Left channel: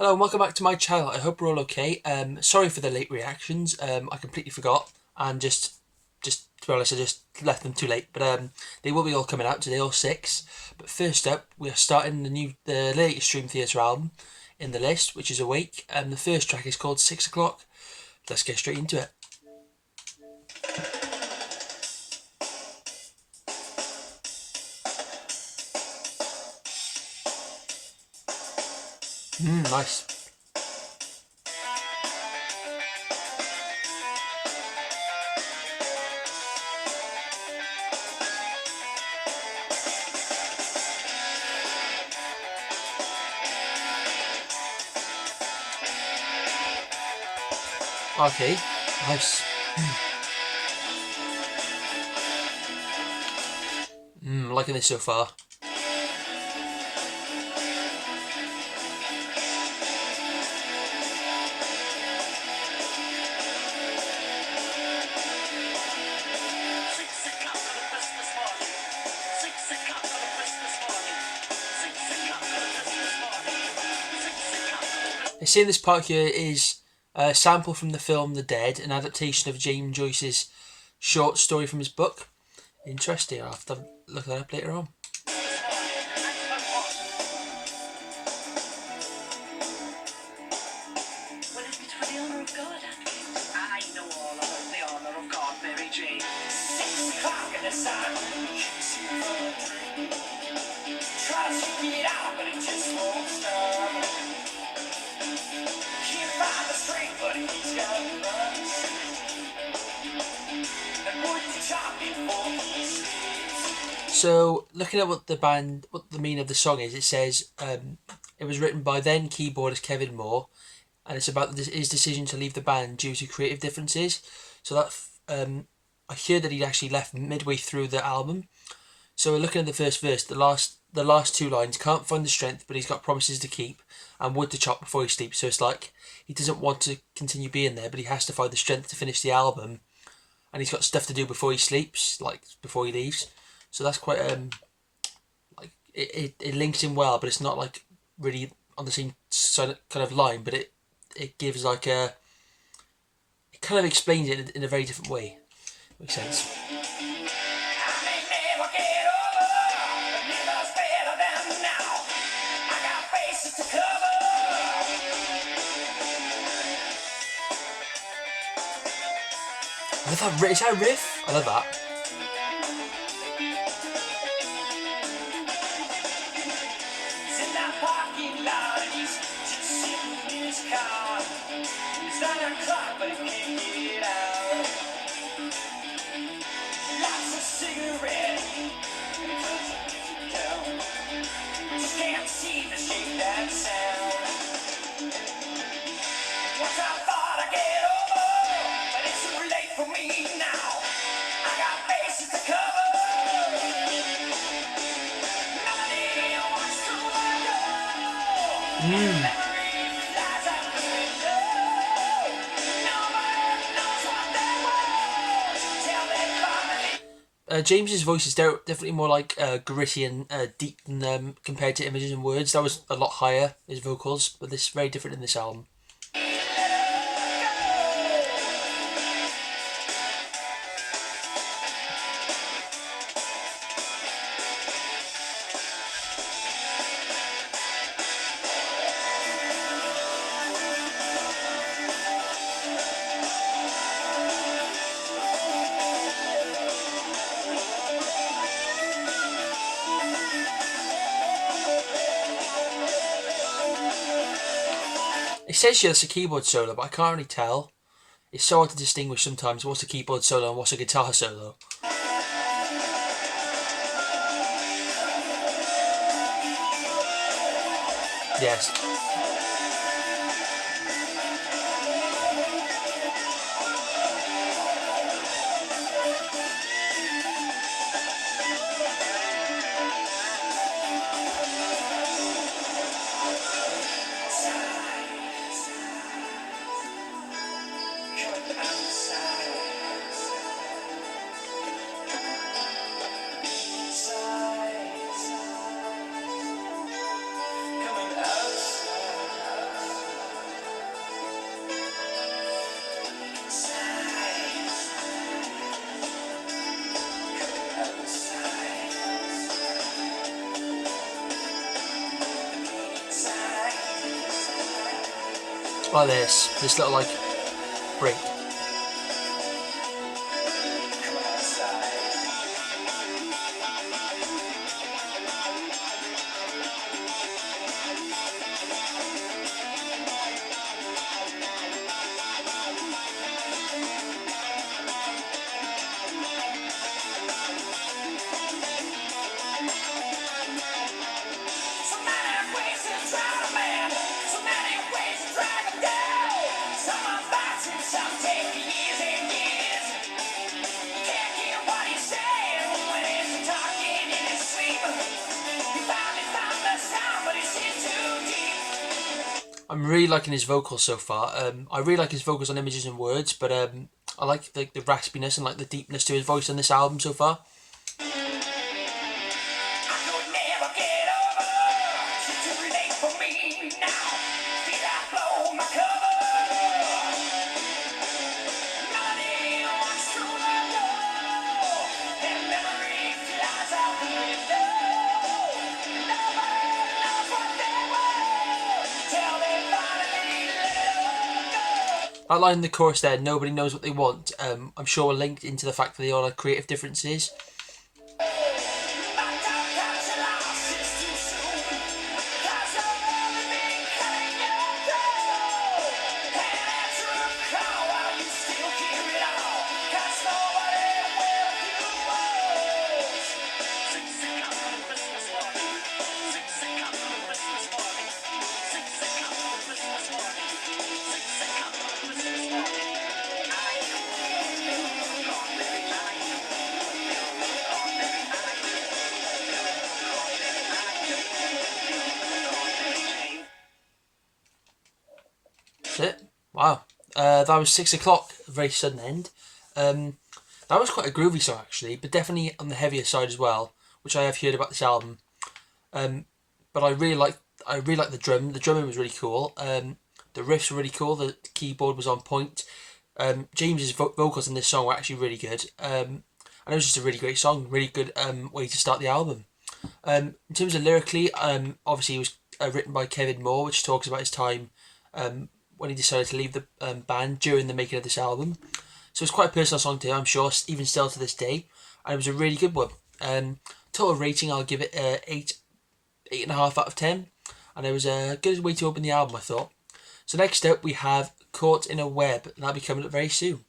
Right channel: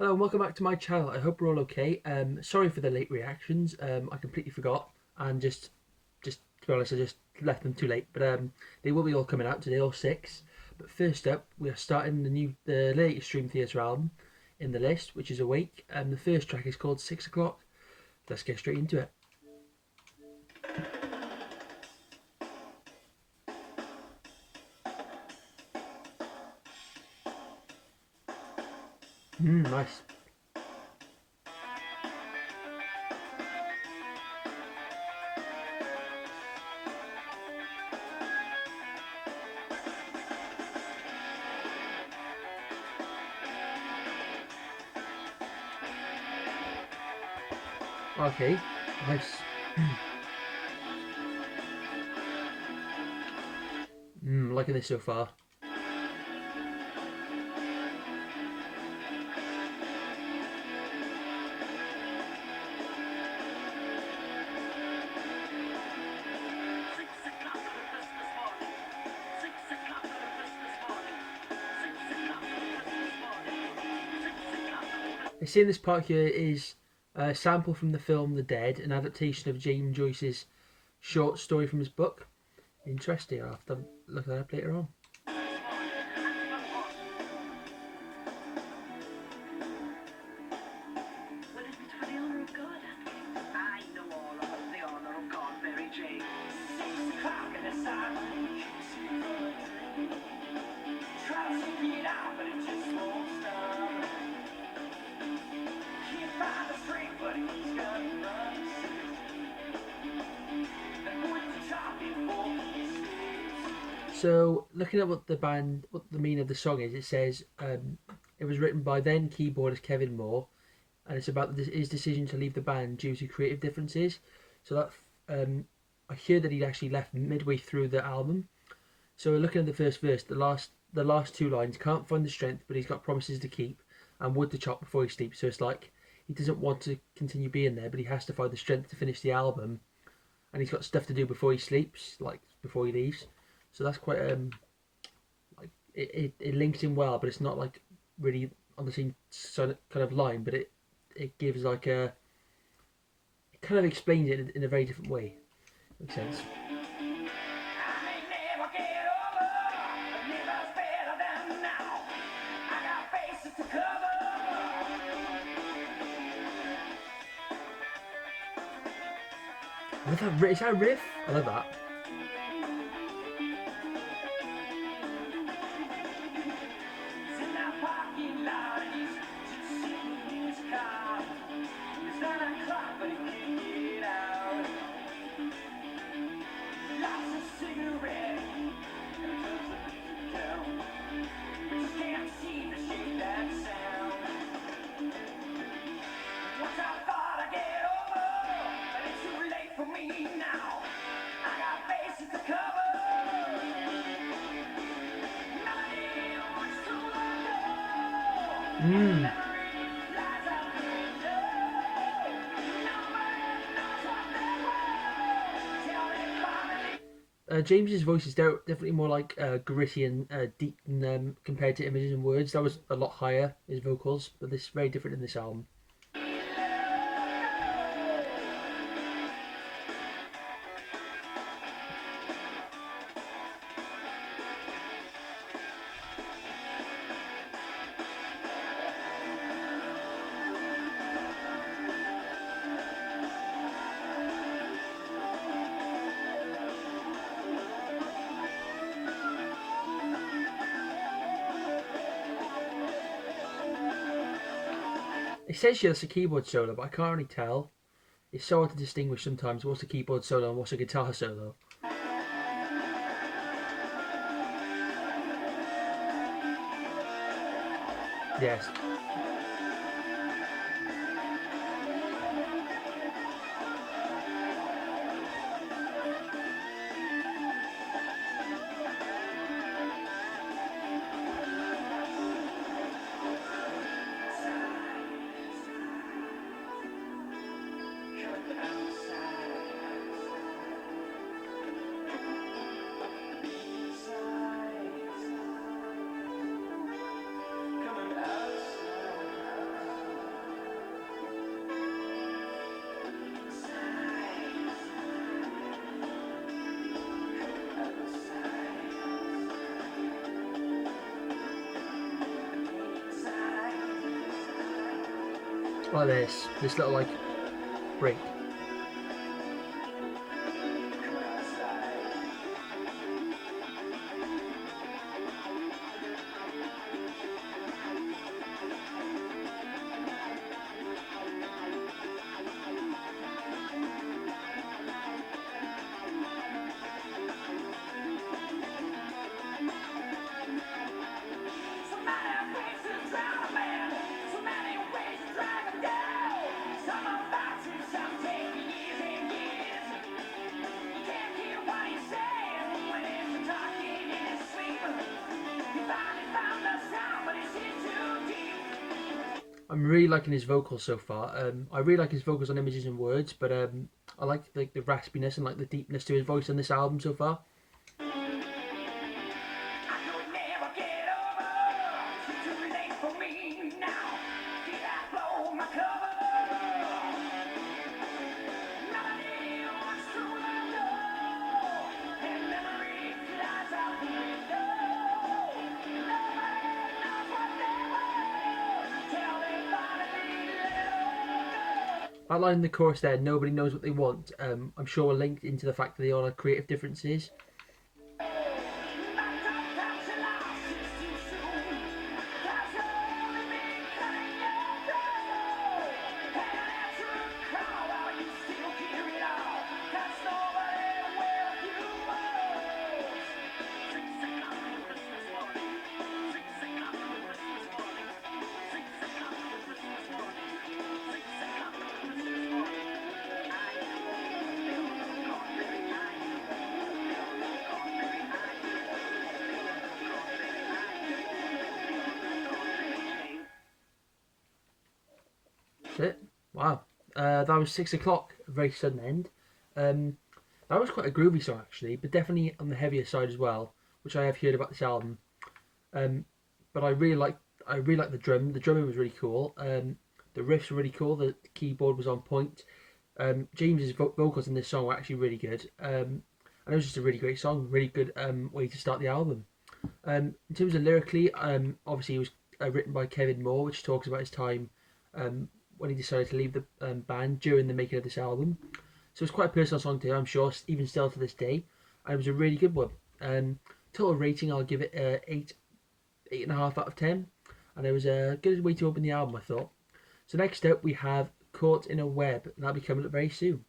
Hello and welcome back to my channel. I hope we're all okay. Sorry for the late reactions. I completely forgot and just to be honest, I just left them too late. But they will be all coming out today, all six. But first up, we are starting the latest Dream Theater album in the list, which is Awake. The first track is called 6 O'clock. Let's get straight into it. Nice. Okay, nice. Liking this so far. They say this part here is a sample from the film The Dead, an adaptation of James Joyce's short story from his book. Interesting. I'll have to look that up later on. So, looking at what the meaning of the song is, it says it was written by then keyboardist Kevin Moore, and it's about his decision to leave the band due to creative differences. So that I hear that he'd actually left midway through the album. So, looking at the first verse, the last two lines: can't find the strength, but he's got promises to keep, and wood to chop before he sleeps. So it's like he doesn't want to continue being there, but he has to find the strength to finish the album, and he's got stuff to do before he sleeps, like before he leaves. So that's quite like it links in well, but it's not like really on the same kind of line. But it gives like it kind of explains it in a very different way. Makes sense. I love that. Is that a riff? I love that. James's voice is definitely more like gritty and deep than compared to Images and Words. That was a lot higher, his vocals, but this is very different in this album. It says here it's a keyboard solo, but I can't really tell. It's so hard to distinguish sometimes what's a keyboard solo and what's a guitar solo. Yes. Like this little like break. I'm really liking his vocals so far. I really like his vocals on Images and Words, but I like the raspiness and like the deepness to his voice on this album so far. That line in the chorus there, nobody knows what they want, I'm sure linked into the fact that they all have creative differences. That's it. Wow. That was 6 o'clock, a very sudden end. That was quite a groovy song actually, but definitely on the heavier side as well, which I have heard about this album. But I really like the drum. The drumming was really cool. The riffs were really cool. The keyboard was on point. James's vocals in this song were actually really good. And it was just a really great song. Really good way to start the album. In terms of lyrically, obviously it was written by Kevin Moore, which talks about his time when he decided to leave the band during the making of this album. So it's quite a personal song to him, I'm sure, even still to this day. And it was a really good one. Total rating, I'll give it 8.5 out of 10. And it was a good way to open the album, I thought. So next up we have Caught in a Web, and that'll be coming up very soon.